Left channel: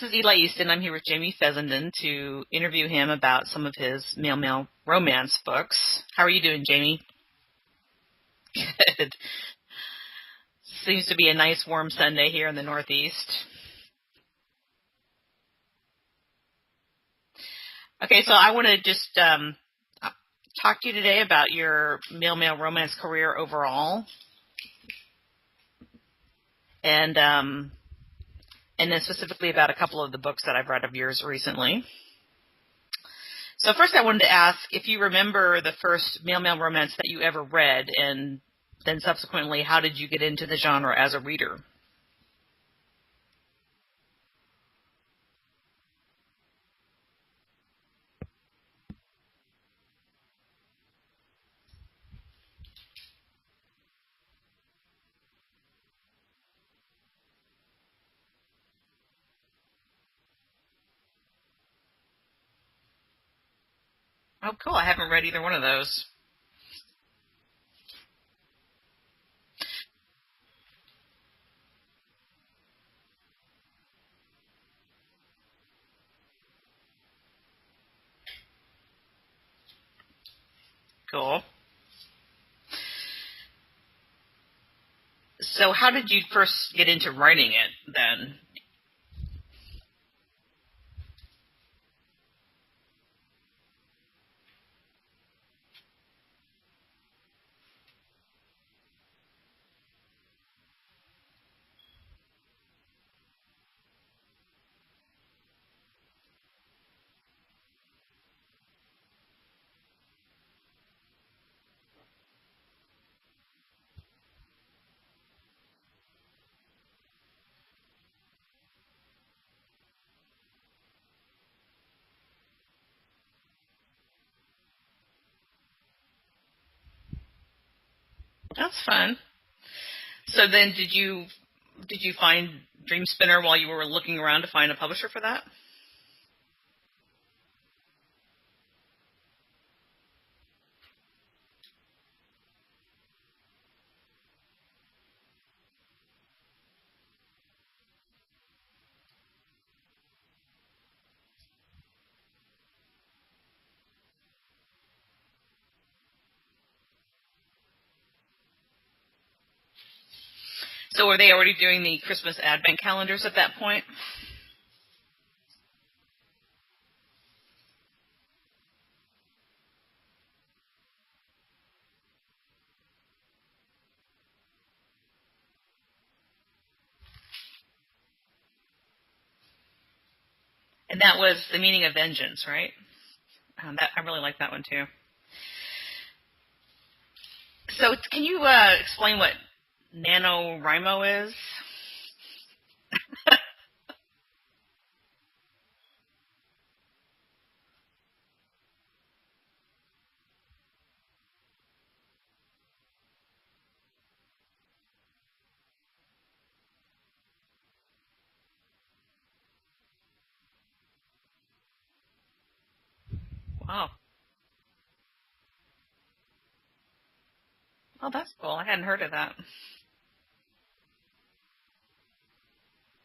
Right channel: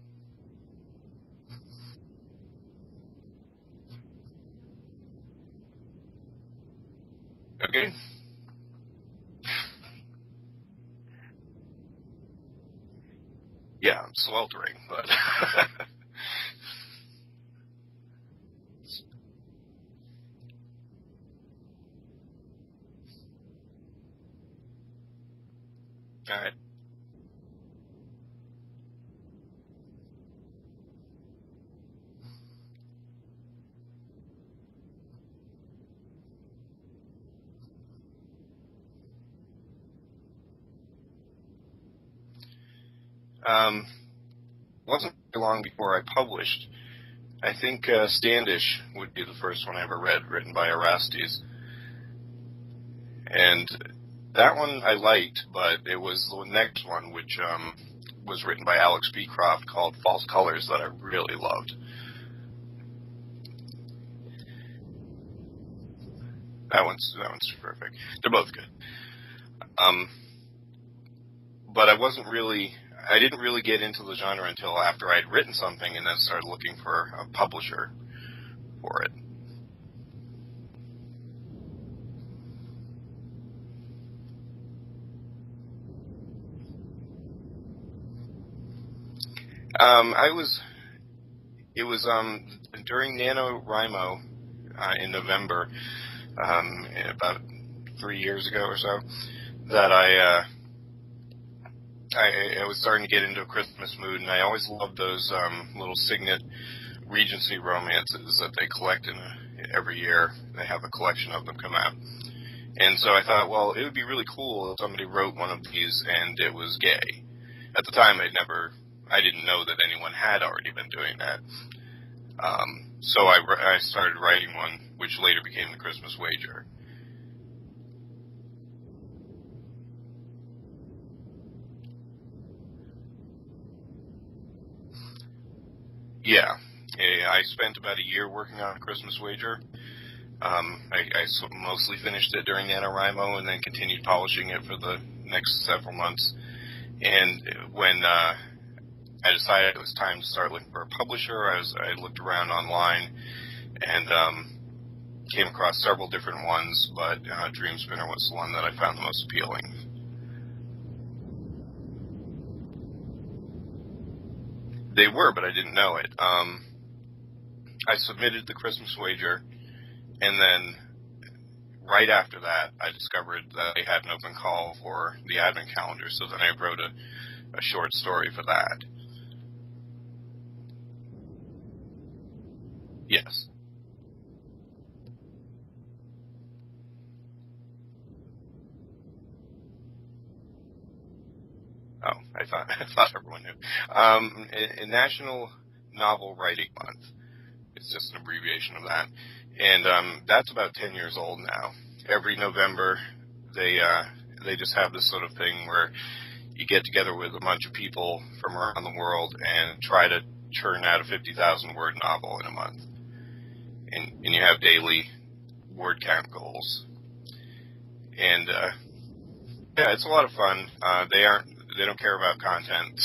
This is Eli Easton. I'm here with Jamie Fessenden to interview him about some of his male romance books. How are you doing, Jamie? Okay. Good. Seems to be a nice warm Sunday here in the Northeast. Yeah, I'm sweltering, but... Okay, so I want to just talk to you today about your male romance career overall. All right. And then specifically about a couple of the books that I've read of yours recently. So first I wanted to ask if you remember the first male romance that you ever read, and then subsequently, how did you get into the genre as a reader? Wasn't very long before I published. I think Standish would be the first one I ever read, written by Orestes. And that one I liked, but it was the next one, which was written by Alex Beecroft, called False Colors, that I really loved. Oh, cool. I haven't read either one of those. That one's perfect. They're both good. But I didn't really get into the genre until after I'd written something and then started looking for a publisher for it. Cool. So how did you first get into writing it then? It was during NaNoWriMo in November, about 3 years ago or so, that I was starting to get into a Christmas mood, and I always loved those little signet Regency romances that they collect every year. They have a collection of them come out. And so I thought, well, it would be really cool if somebody wrote one of these and it was gay. At the time, I didn't know that anyone had already been doing that. So I started writing one, which later became The Christmas Wager. That's fun. So then did you find Dream Spinner while you were looking around to find a publisher for that? Yeah. I spent about a year working on A Christmas Wager. I mostly finished it during NaNoWriMo and then continued polishing it for the next several months. And when I decided it was time to start looking for a publisher, I looked around online and came across several different ones, but Dream Spinner was the one that I found the most appealing. So were they already doing the Christmas Advent calendars at that point? They were, but I didn't know it. I submitted The Christmas Wager, and then right after that, I discovered that they had an open call for the Advent calendar, so then I wrote a short story for that. And that was The Meaning of Vengeance, right? Yes. I really like that one, too. So can you explain what NaNoWriMo is? Oh, I thought a National Novel Writing Month. It's just an abbreviation of that. And that's about 10 years old now. Every November, they just have this sort of thing where you get together with a bunch of people from around the world and try to churn out a 50,000-word novel in a month. Wow. And you have daily word count goals. Oh, that's cool. I hadn't heard of that. Yeah, it's a lot of fun. They don't care about content,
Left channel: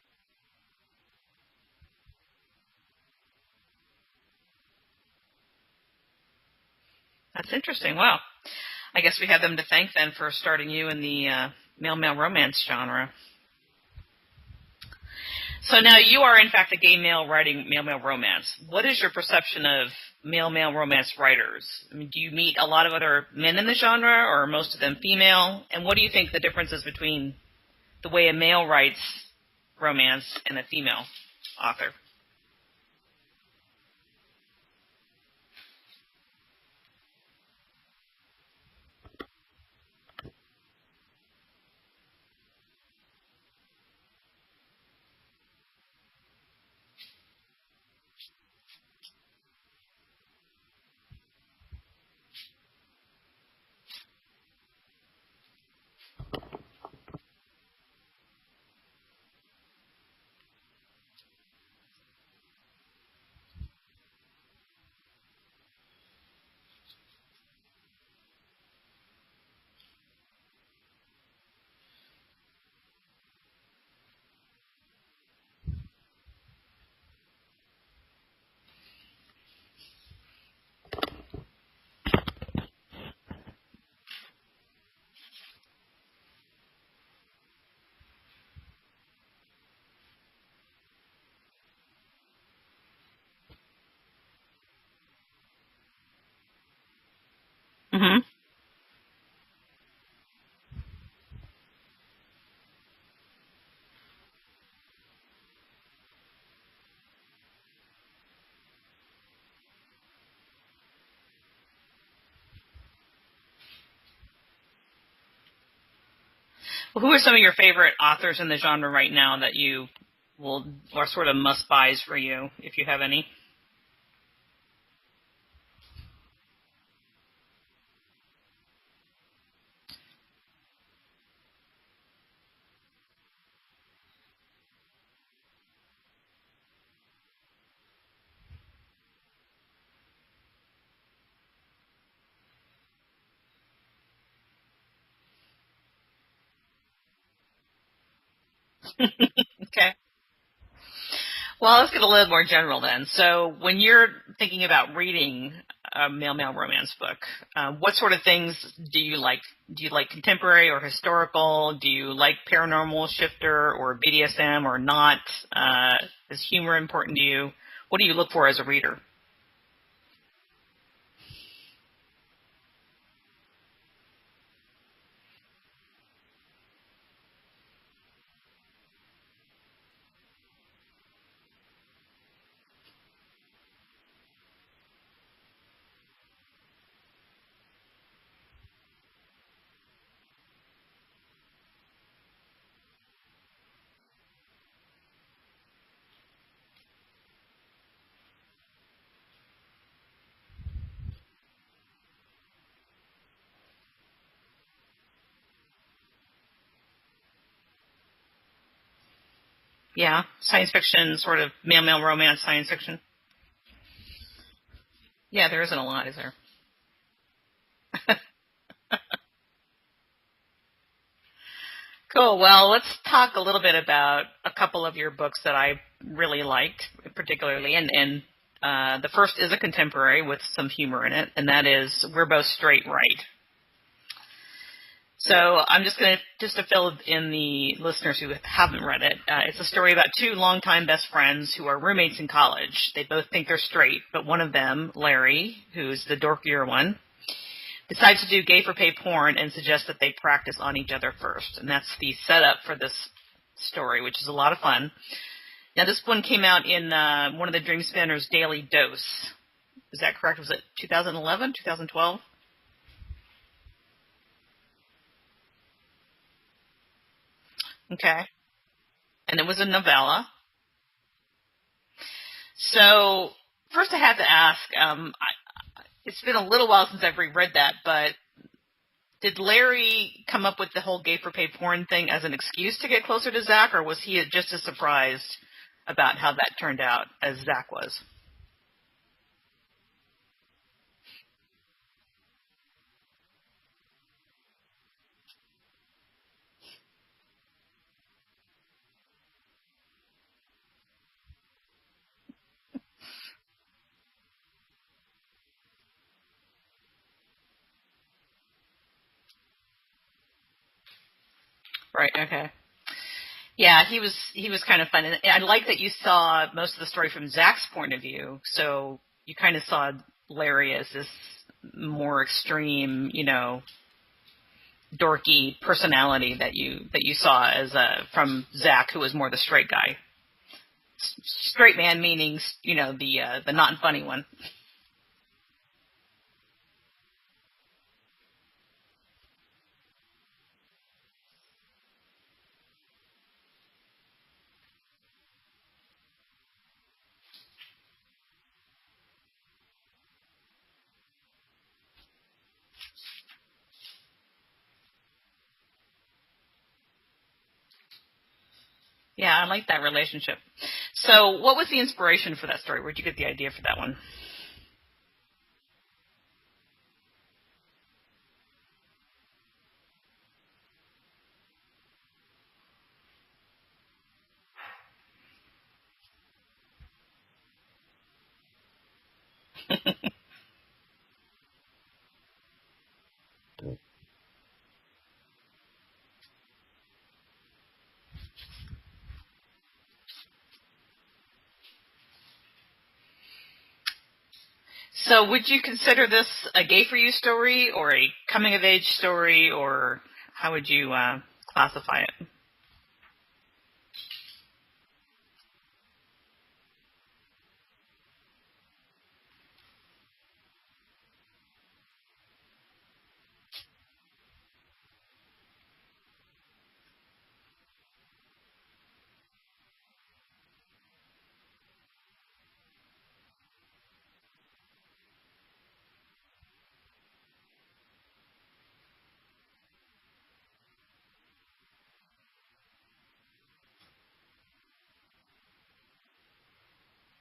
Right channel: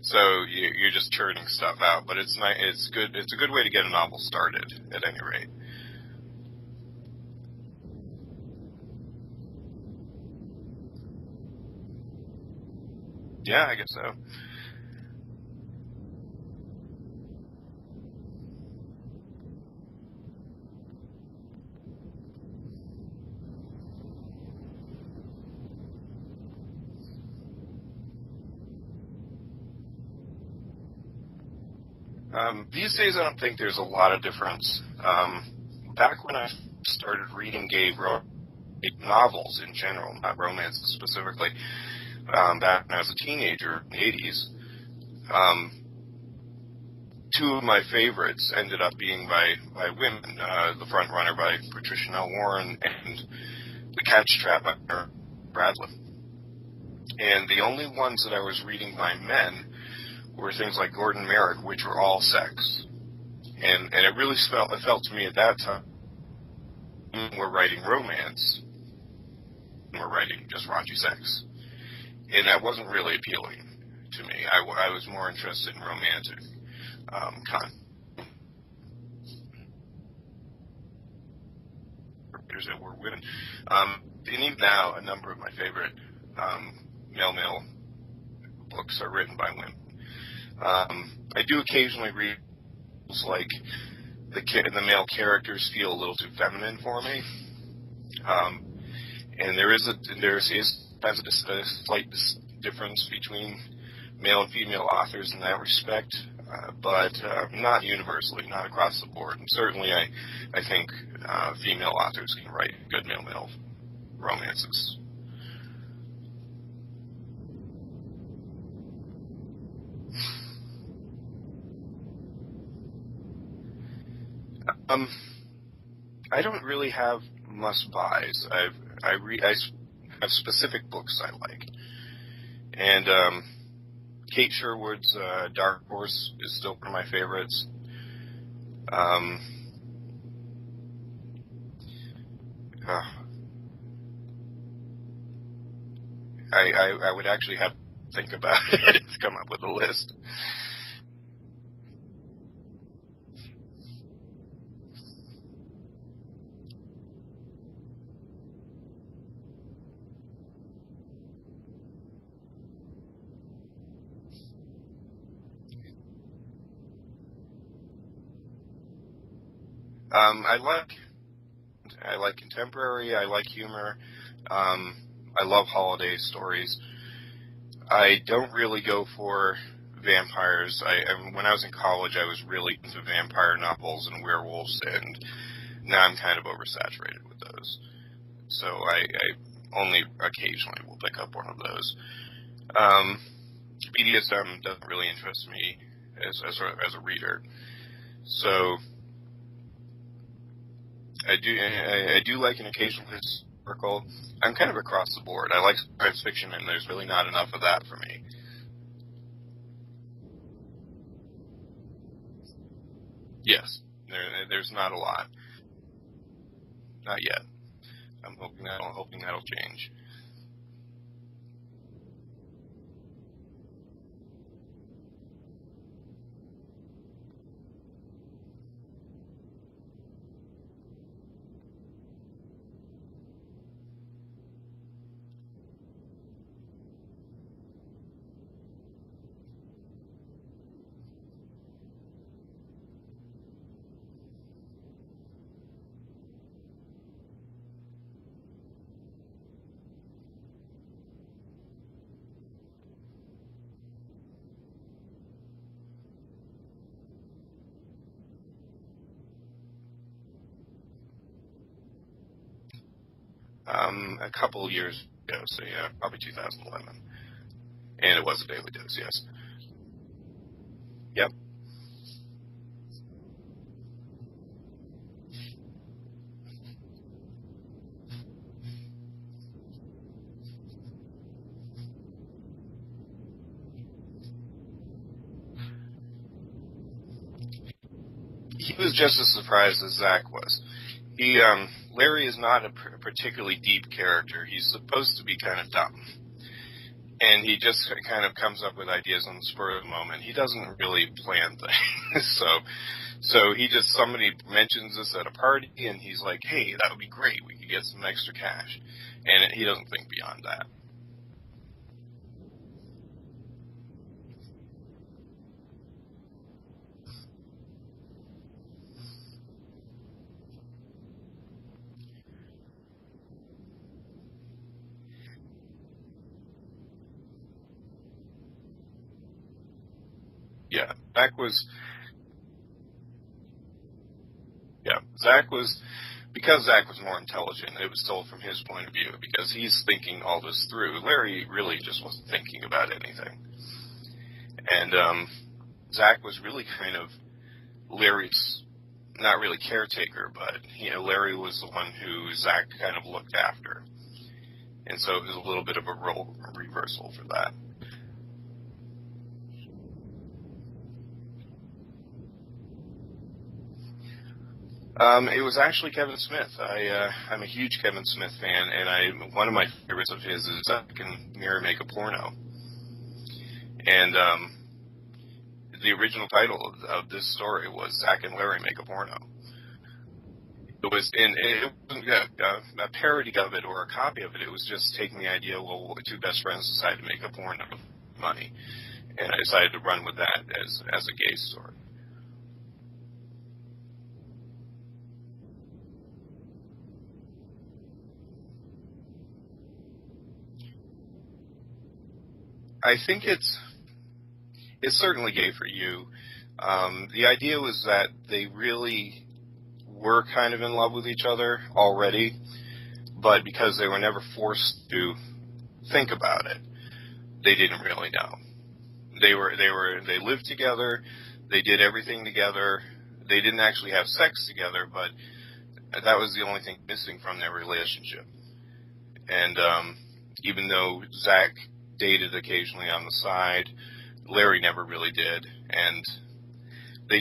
so you're just churning stuff out. But it's nice. It's good. It's a good way to get a novel started, at any rate. That's interesting. Wow. I guess we have them to thank then for starting you in the male romance genre. Yeah, I guess so. So now you are in fact a gay male writing male romance. What is your perception of male romance writers? I mean, do you meet a lot of other men in the genre, or are most of them female? And what do you think the difference is between the way a male writes romance and a female author? These days, I don't think there's a lot of difference. Back when I started reading gay novels in general, not romance specifically, back when I was a teenager in the 80s, two of my favorites ended up being by women. The Front Runner by Patricia Nell Warren and The Catch Trap by Bradley. And the only ones that I was reading by men were things like Gordon Merrick, which were all sex. And it really felt to me at that time, we're writing romance, we're writing just raunchy sex. And that wasn't really appealing to me. I was more interested in romantic that were written. And even now, a number of my favorite male books are written by women. I do occasionally read like the male characters feel a little too feminine for me. Mm-hmm. And there is a slight difference between male and female authors in that respect, but not universally, not across the board. And certainly, I think female authors can write good male romances. Well, who are some of your favorite authors in the genre right now that you are sort of must-buys for you, if you have any? I don't really have must-buys. I have specific books I like, and Kate Sherwood's Dark Horse is still one of my favorites. I would actually have to think about it to come up with a list. Well, let's get a little more general then. So when you're thinking about reading a male romance book, what sort of things do you like? Do you like contemporary or historical? Do you like paranormal, shifter, or BDSM, or not? Is humor important to you? What do you look for as a reader? I like contemporary. I like humor. I love holiday stories. I don't really go for vampires. When I was in college, I was really into vampire novels and werewolves, and now I'm kind of oversaturated with those. So I only occasionally will pick up one of those. BDSM doesn't really interest me as a reader. So I do like an occasional historical. I'm kind of across the board. I like science fiction, and there's really not enough of that for me. Yeah, science fiction, sort of male romance science fiction. Yes, there's not a lot. Yeah, there isn't a lot, is there? Not yet. I'm hoping that'll change. Cool. Well, let's talk a little bit about a couple of your books that I really liked, particularly, and the first is a contemporary with some humor in it, and that is We're Both Straight, Right? So I'm just going to fill in the listeners who haven't read it. It's a story about two longtime best friends who are roommates in college. They both think they're straight, but one of them, Larry, who's the dorkier one, decides to do gay-for-pay porn and suggests that they practice on each other first. And that's the setup for this story, which is a lot of fun. Now, this one came out in one of the Dream Spinners' Daily Dose. Is that correct? Was it 2011, 2012? A couple years ago, so yeah, probably 2011. Okay. And it was a Daily Dose, yes. And it was a novella. Yep. So, first I have to ask, it's been a little while since I've reread that, but did Larry come up with the whole gay-for-pay porn thing as an excuse to get closer to Zach, or was he just as surprised about how that turned out as Zach was? He was just as surprised as Zach was. Larry is not a particularly deep character. He's supposed to be kind of dumb. And he just kind of comes up with ideas on the spur of the moment. He doesn't really plan things. So somebody mentions this at a party, and he's like, hey, that would be great. We could get some extra cash. And he doesn't think beyond that. Right, okay. Yeah, he was kind of fun. And I like that you saw most of the story from Zach's point of view. So you kind of saw Larry as this more extreme, dorky personality that you saw as from Zach, who was more the straight guy. Yeah, Zach was straight man, meaning the not funny one. Yeah, because Zach was more intelligent. It was told from his point of view because he's thinking all this through. Larry really just wasn't thinking about anything, and Zach was really kind of Larry's. Not really caretaker, but Larry was the one who Zach kind of looked after, and so it was a little bit of a role reversal for that. Yeah, I like that relationship. So, what was the inspiration for that story? Where'd you get the idea for that one? It was actually Kevin Smith. I'm a huge Kevin Smith fan, and one of my favorites of his is Zach and Mary Make a Porno. And the original title of this story was Zach and Larry Make a Porno. It wasn't a parody of it or a copy of it. It was just taking the idea, well, two best friends decided to make a porno funny. And I decided to run with that as a gay story. So would you consider this a gay for you story or a coming of age story, or how would you classify it? I think it's certainly gay for you. The idea was that they really were kind of in love with each other already, but because they were never forced to think about it, they didn't really know. They lived together, they did everything together. They didn't actually have sex together, but that was the only thing missing from their relationship. And even though Zach dated occasionally on the side, Larry never really did, and they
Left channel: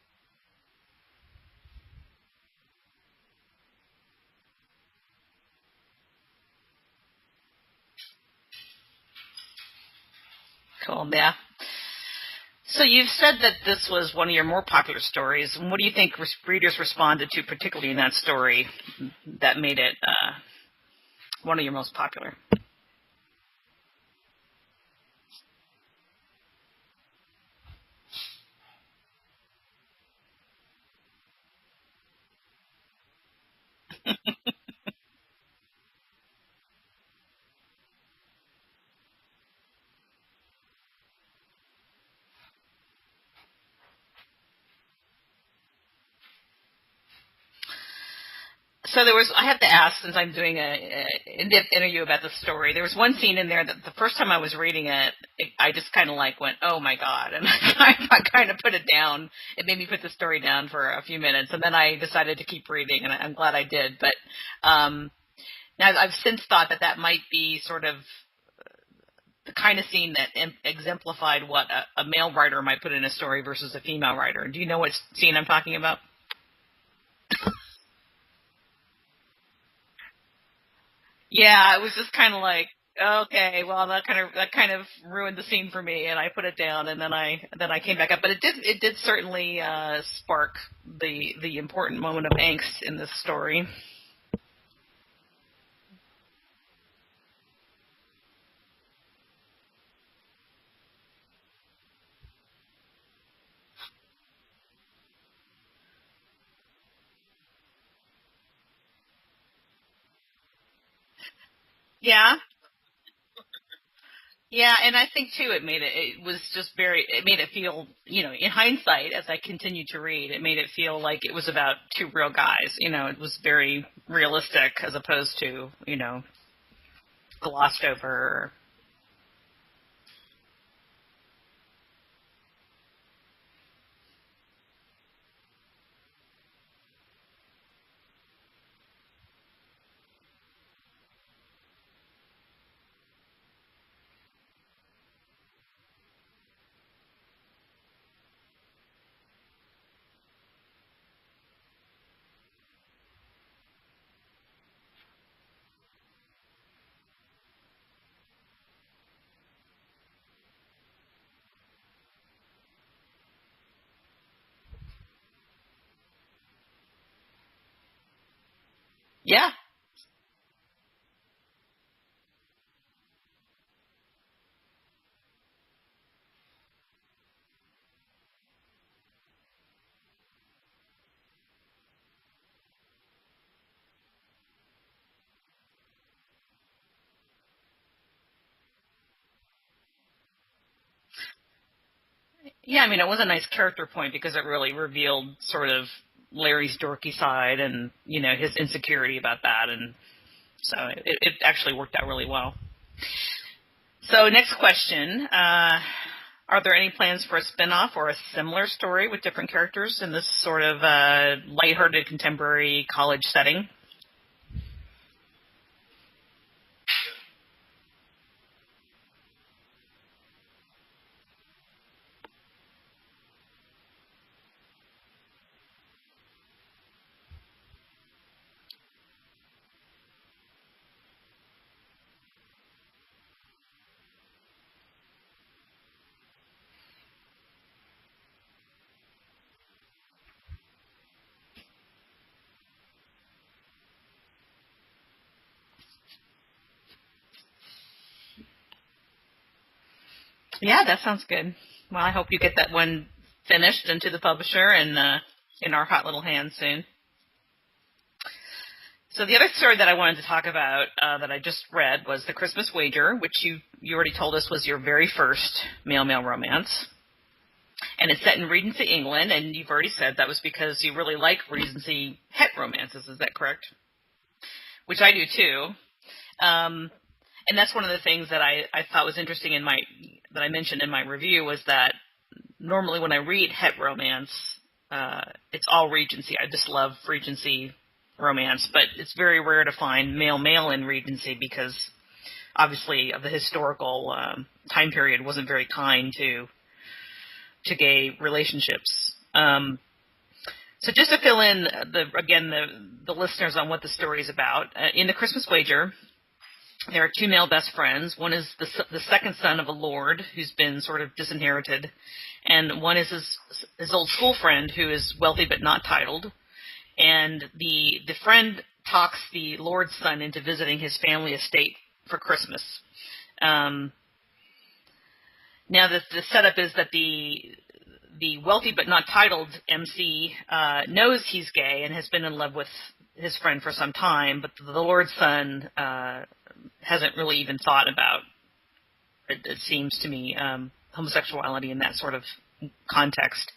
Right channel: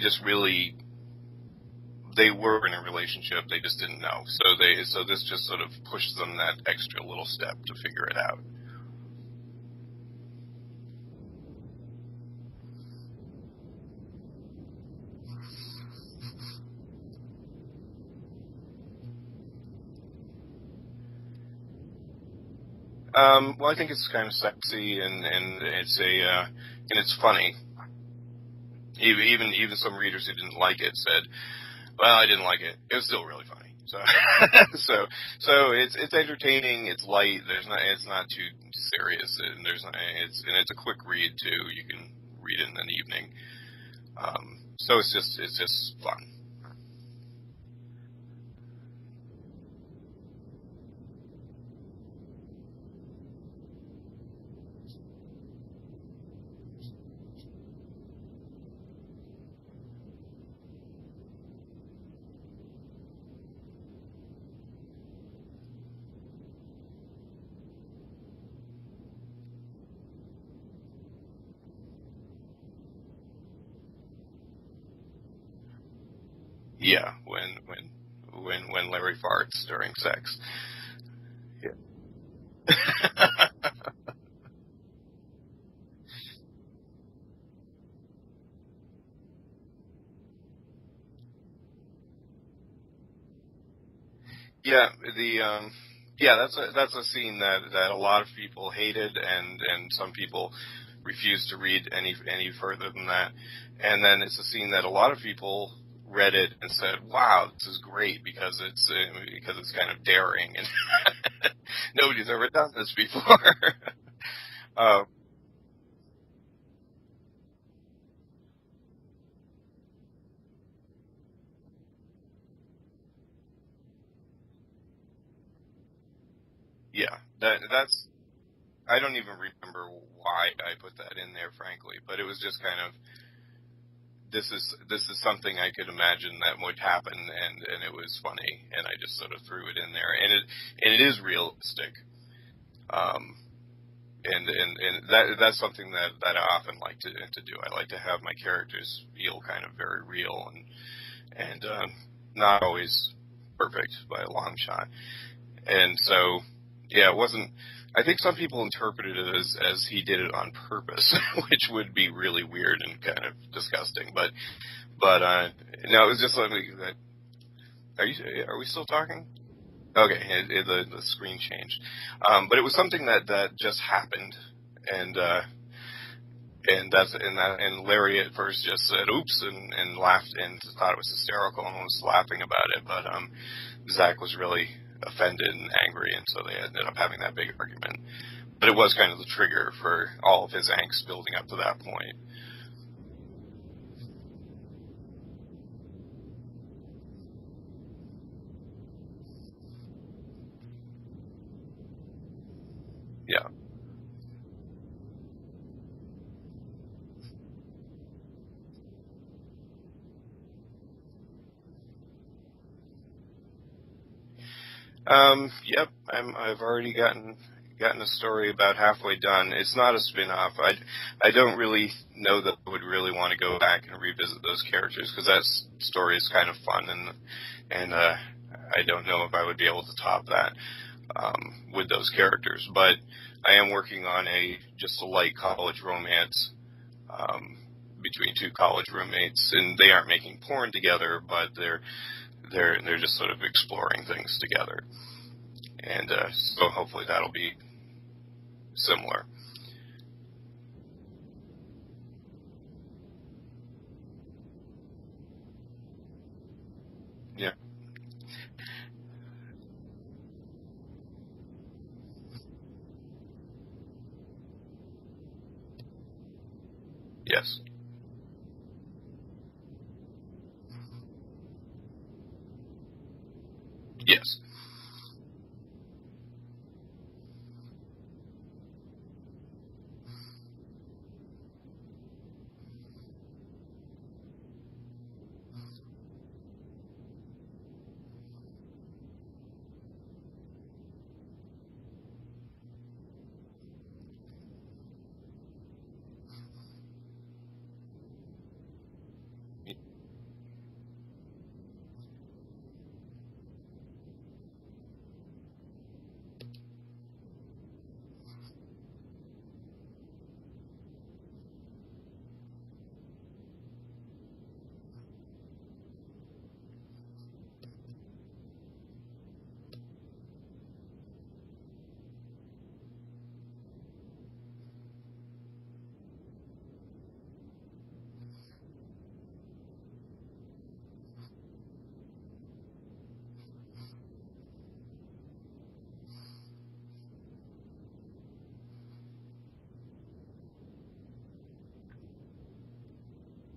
were in a relationship, they just didn't know. So this just sort of pushed them that extra little step to figure it out. Cool, yeah. So you've said that this was one of your more popular stories. What do you think readers responded to, particularly in that story, that made it one of your most popular? Well, I think it's kind of sexy and it's funny. Even some readers who didn't like it said, "Well, I didn't like it. It was still really funny." So it's entertaining. It's light. It's not too serious, and it's a quick read too. You can read it in an evening. So it's just fun. So I have to ask, since I'm doing an in-depth interview about the story, there was one scene in there that the first time I was reading it, I just kind of went, oh my God, and I kind of put it down. It made me put the story down for a few minutes, and then I decided to keep reading, and I'm glad I did. But now I've since thought that might be sort of the kind of scene that exemplified what a male writer might put in a story versus a female writer. Do you know what scene I'm talking about? Yeah, when Larry farts during sex. Yeah, it was just kind of like, okay, well that kind of ruined the scene for me, and I put it down, and then I came back up. But it did certainly spark the important moment of angst in this story. Yeah, that's a scene that a lot of people hated, and some people refused to read any further than that. And then it's a scene that a lot of people read it and said, "Wow, this is great because it's kind of daring and nobody's ever done this before." Yeah, and I think too, it made it feel, in hindsight, as I continued to read, it made it feel like it was about two real guys. It was very realistic as opposed to, glossed over. I don't even remember why I put that in there, frankly, but it was just kind of, this is something I could imagine that would happen, and it was funny, and I just sort of threw it in there, and it is realistic. And that's something that I often like to do. I like to have my characters feel kind of very real and not always perfect by a long shot. And so, yeah, it wasn't. I think some people interpreted it as he did it on purpose, which would be really weird and kind of disgusting. But no, it was just something that. Are we still talking? Yeah. Okay, the screen changed, but it was something that just happened, and Larry at first just said oops and laughed and thought it was hysterical and was laughing about it, but Zach was really offended and angry, and so they ended up having that big argument. But it was kind of the trigger for all of his angst building up to that point. Yeah, I mean, it was a nice character point because it really revealed sort of Larry's dorky side and, his insecurity about that. And so it actually worked out really well. Yeah. So next question, are there any plans for a spin-off or a similar story with different characters in this sort of lighthearted contemporary college setting? Yep. I've already gotten a story about halfway done. It's not a spin-off. I don't really know that I would really want to go back and revisit those characters because that story is kind of fun, and I don't know if I would be able to top that with those characters. But I am working on just a light college romance between two college roommates, and they aren't making porn together, but they're just sort of exploring things together, and so hopefully that'll be similar. Yeah, that sounds good. Well, I hope you get that one finished and to the publisher and in our hot little hands soon. Yeah. So the other story that I wanted to talk about that I just read was The Christmas Wager, which you already told us was your very first male-male romance. Yes. And it's set in Regency, England, and you've already said that was because you really like Regency het romances. Is that correct? Yes. Which I do too. And that's one of the things that I thought was interesting that I mentioned in my review was that normally when I read het romance, it's all Regency. I just love Regency romance, but it's very rare to find male-male in Regency because obviously of the historical time period wasn't very kind to gay relationships. So just to fill in the listeners on what the story is about, in The Christmas Wager, there are two male best friends. One is the second son of a lord who's been sort of disinherited, and one is his old school friend who is wealthy but not titled. And the friend talks the lord's son into visiting his family estate for Christmas. Now the setup is that the wealthy but not titled MC knows he's gay and has been in love with his friend for some time, but the lord's son hasn't really even thought about, it seems to me, homosexuality in that sort of context.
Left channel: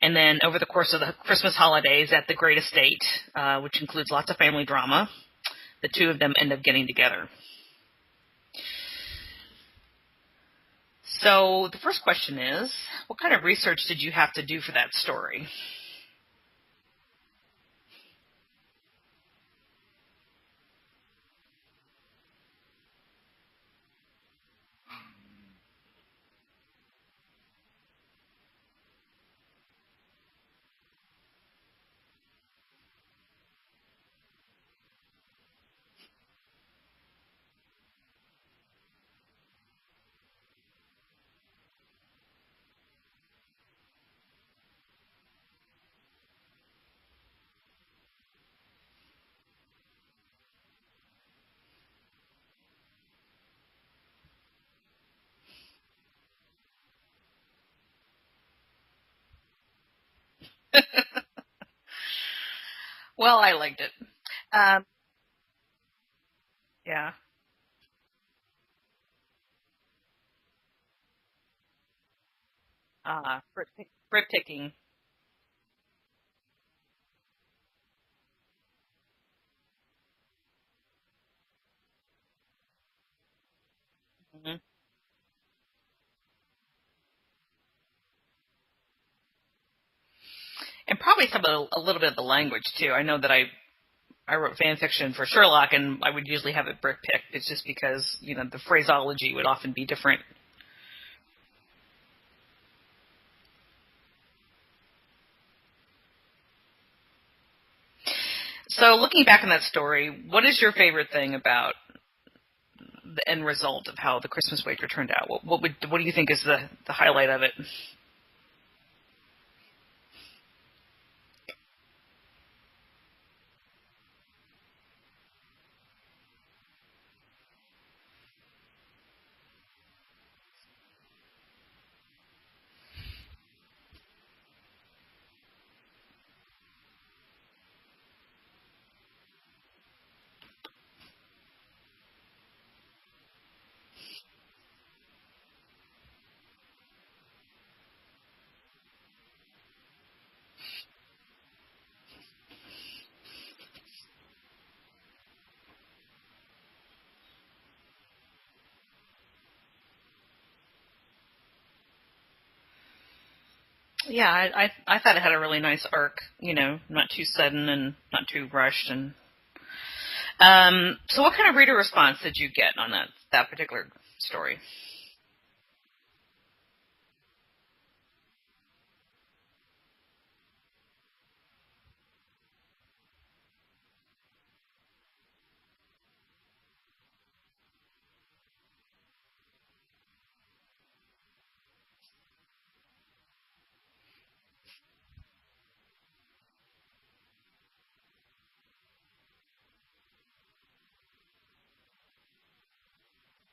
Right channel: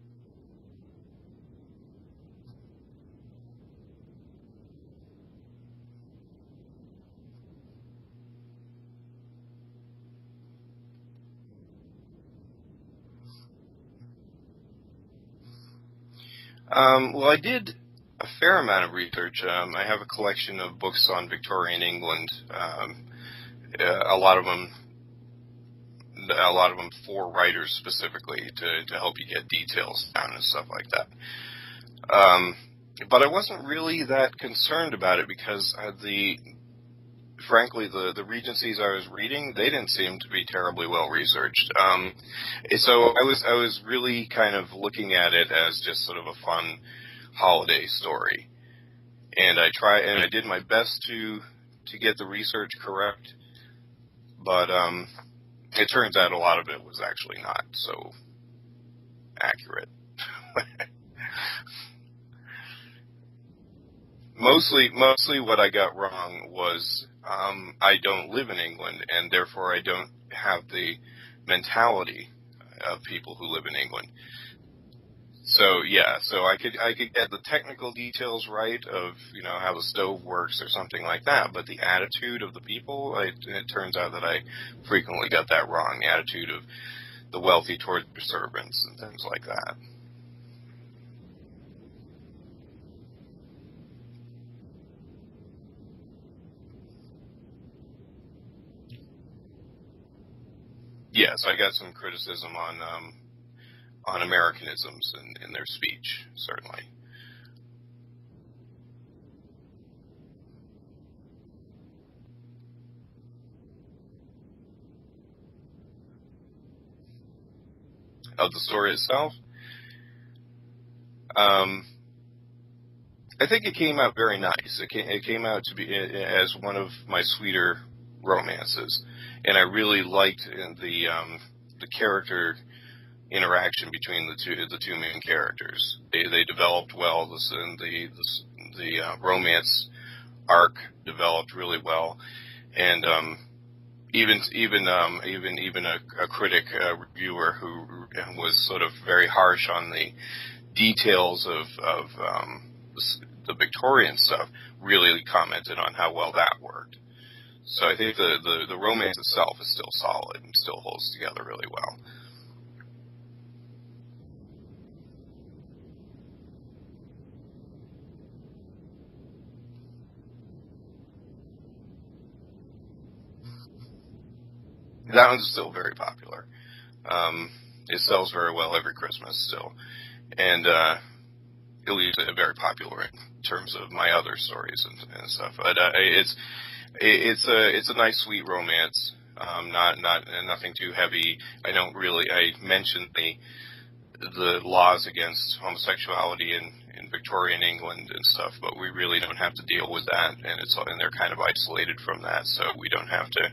And then over the course of the Christmas holidays at the great estate, which includes lots of family drama, the two of them end up getting together. So the first question is, what kind of research did you have to do for that story? Well, I did a fair amount of research. I have a collection of books on Victorian England. A lot of them for writers specifically to help you get details down and stuff like that. But I wasn't really that concerned about it because frankly, the Regencies I was reading, they didn't seem to be terribly well researched. So I was really kind of looking at it as just sort of a fun holiday story, and I did my best to get the research correct, but it turns out a lot of it was actually not so accurate. Well, I liked it. Mostly what I got wrong was I don't live in England, and therefore I don't have the mentality of people who live in England. Rip picking. So I could get the technical details right of how the stove works or something like that, but the attitude of the people, it turns out that I frequently got that wrong. The attitude of the wealthy towards their servants and things like that. And probably a little bit of the language too. I know that I wrote fan fiction for Sherlock, and I would usually have it brick picked. It's just because the phraseology would often be different. Yes, I got some criticism on Americanisms in their speech, certainly. So looking back on that story, what is your favorite thing about the end result of how The Christmas Wager turned out? What do you think is the highlight of it? Of the story itself? I think it came out very nice. It came out to be as one of my sweeter romances, and I really liked the character interaction between the two main characters. They developed well. The romance arc developed really well, and even a critic reviewer who was sort of very harsh on the details of the Victorian stuff really commented on how well that worked. So I think the romance itself is still solid and still holds together really well. Yeah, I thought it had a really nice arc, not too sudden and not too rushed. And so what kind of reader response did you get on that particular story? That one's still very popular. It sells very well every Christmas still. And it was very popular in terms of my other stories and stuff. But it's a nice, sweet romance. Nothing too heavy. I mention the laws against homosexuality in Victorian England and stuff, but we really don't have to deal with that, and they're kind of isolated from that, so we don't have to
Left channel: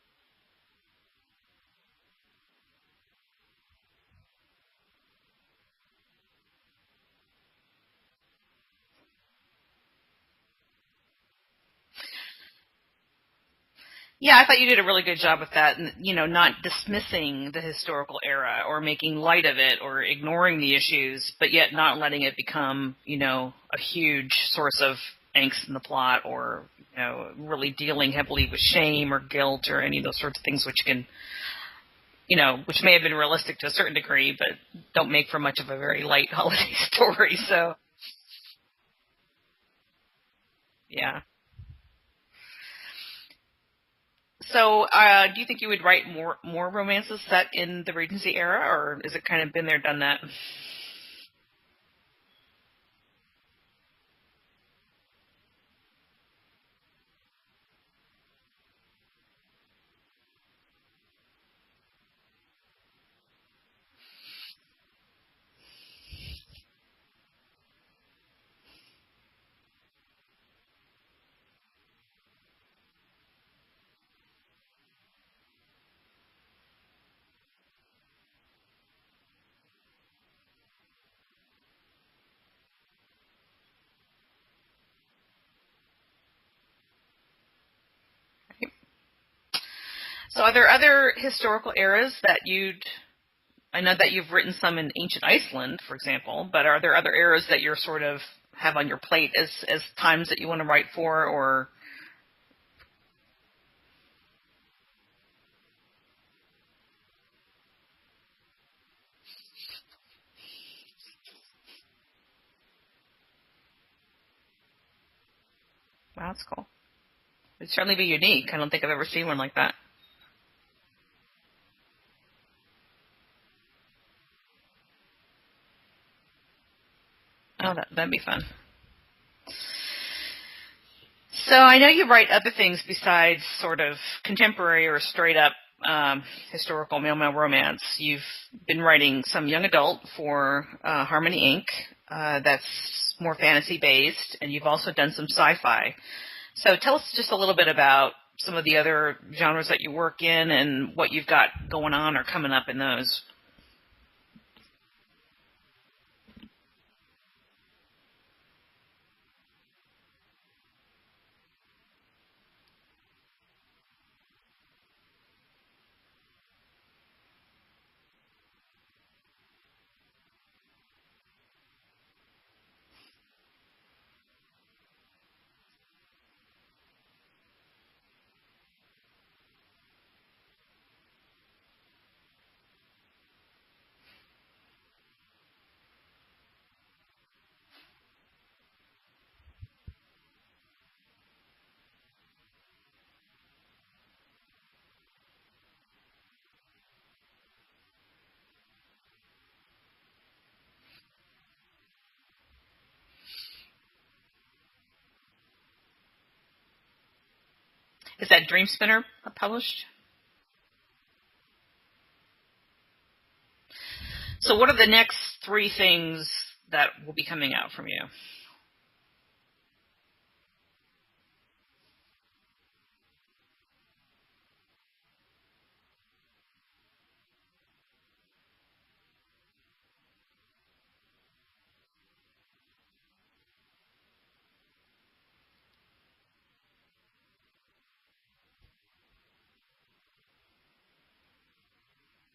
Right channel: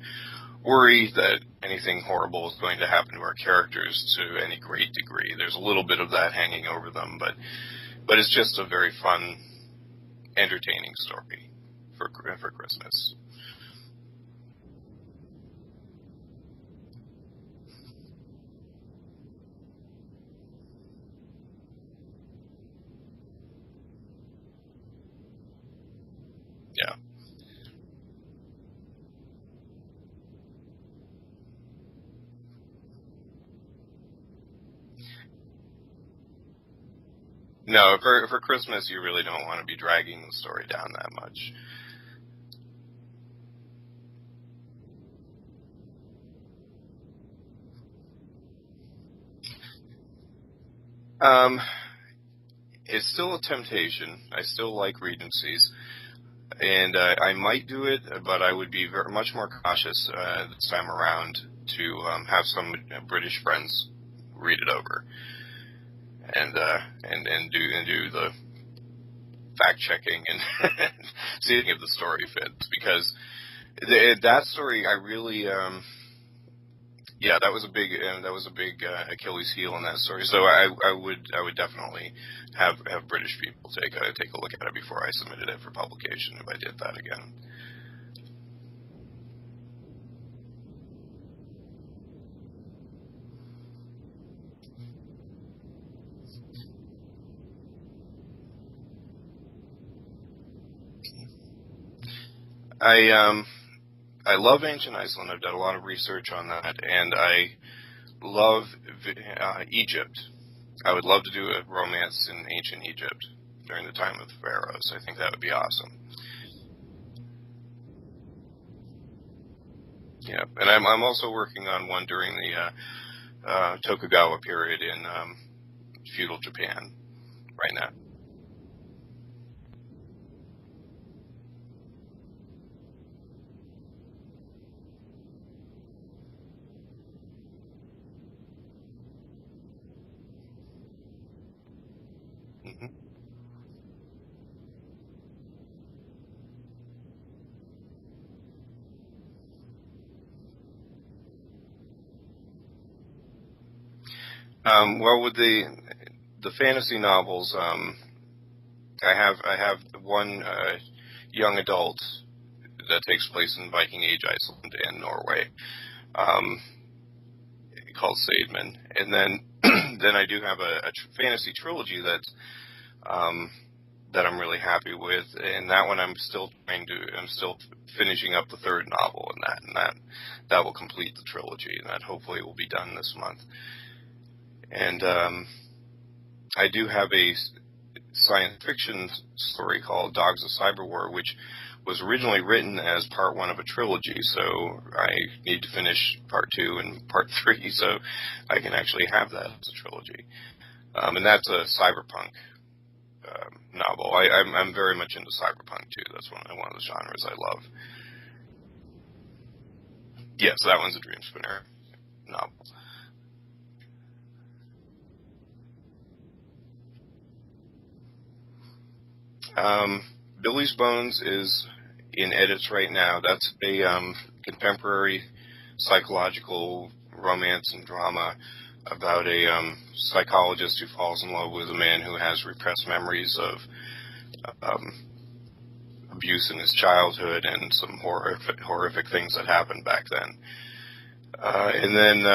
worry that anything horrible is going to happen to our characters to any great degree. There's a little bit of that hanging over them, but it's just a very fun, entertaining story for Christmas. Yeah, I thought you did a really good job with that, and not dismissing the historical era or making light of it or ignoring the issues, but yet not letting it become, a huge source of angst in the plot, or really dealing heavily with shame or guilt or any of those sorts of things, which can, which may have been realistic to a certain degree, but don't make for much of a very light holiday story. So no, for Christmas, you really don't want to be dragging the story down that much. So, do you think you would write more romances set in the Regency era, or is it kind of been there, done that? It's still a temptation. I still like Regencies, and I might do it, but I would be much more cautious this time around to have some British friends read it over and do the fact checking and seeing if the story fits, because that story, I really, that was a big Achilles heel in that story. So I would definitely have British people take a look at it before I submitted it for publication if I did that again. So are there other historical eras that I know that you've written some in ancient Iceland, for example, but are there other eras that you're sort of have on your plate as times that you want to write for, or? I love ancient Iceland. I've done a lot of research on that, and I love Egypt. I would love to do a romance in ancient Egypt during the time of the pharaohs. I think that would be awesome. That's cool. It'd certainly be unique. I don't think I've ever seen one like that. Yeah, and I'm also working on one during the Tokugawa period in feudal Japan now. That'd be fun. So I know you write other things besides sort of contemporary or straight-up historical male-male romance. You've been writing some young adult for Harmony Inc. That's more fantasy-based, and you've also done some sci-fi. So tell us just a little bit about some of the other genres that you work in and what you've got going on or coming up in those. Well, with the fantasy novels, I have one young adult that takes place in Viking Age Iceland and Norway, called Saidman, and then I do have a fantasy trilogy that I'm really happy with, and that one I'm still finishing up the third novel in that will complete the trilogy, and that hopefully will be done this month. And I do have a science fiction story called Dogs of Cyberwar, which was originally written as part one of a trilogy, so I need to finish part 2 and part 3 so I can actually have that as a trilogy. And that's a cyberpunk novel. I'm very much into cyberpunk too. That's one of the genres I love. Is that Dream Spinner published? Yes, that one's a Dream Spinner novel. So what are the next 3 things that will be coming out from you? Billy's Bones is in edits right now. That's a contemporary psychological romance and drama about a psychologist who falls in love with a man who has repressed memories of abuse in his childhood and some horrific things that happened back then. And then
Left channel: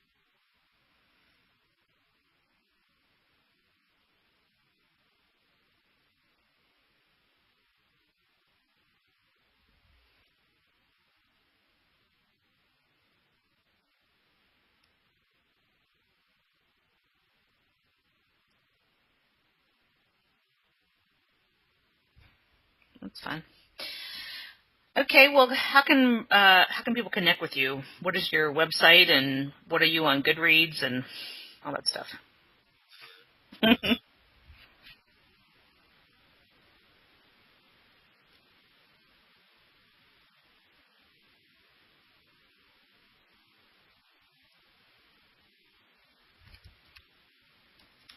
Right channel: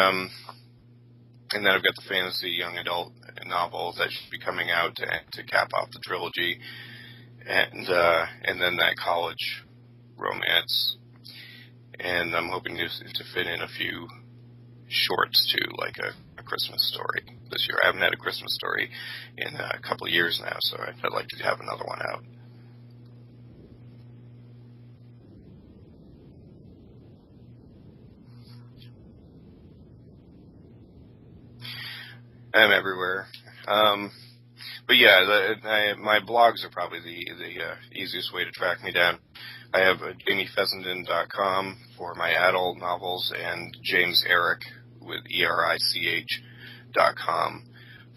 I've got the fantasy young adult novel that should be coming out to cap off the trilogy, and then that college romance, and I'm hoping to fit in a few shorts too, like a Christmas story this year. I haven't had a Christmas story in a couple of years now, so I'd like to have another one out. That's fine. Okay, well, how can people connect with you? What is your website, and what are you on Goodreads and all that stuff? I'm everywhere. But yeah, my blogs are probably the easiest way to track me down. I have JamieFessenden.com for my adult novels, and James Eric with ERICH.com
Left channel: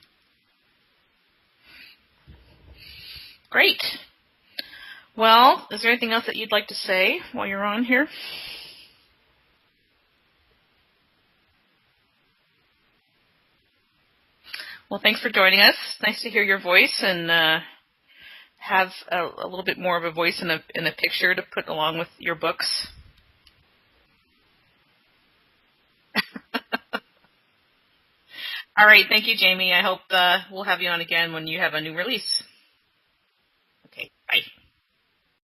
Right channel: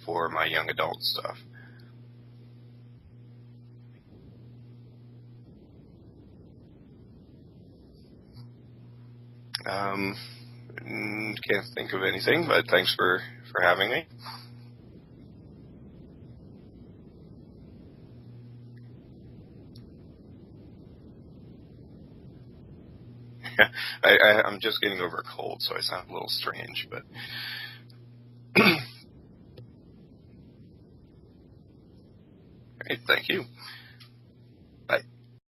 for my young adult stuff. Great. Well, is there anything else that you'd like to say while you're on here? Can't think of anything, but thanks for having me. Well, thanks for joining us. Nice to hear your voice and have a little bit more of a voice in a picture to put along with your books. I'm just getting over a cold, so I sound a little strange. But All right. Thank you, Jamie. I hope we'll have you on again when you have a new release. Great. Thank you.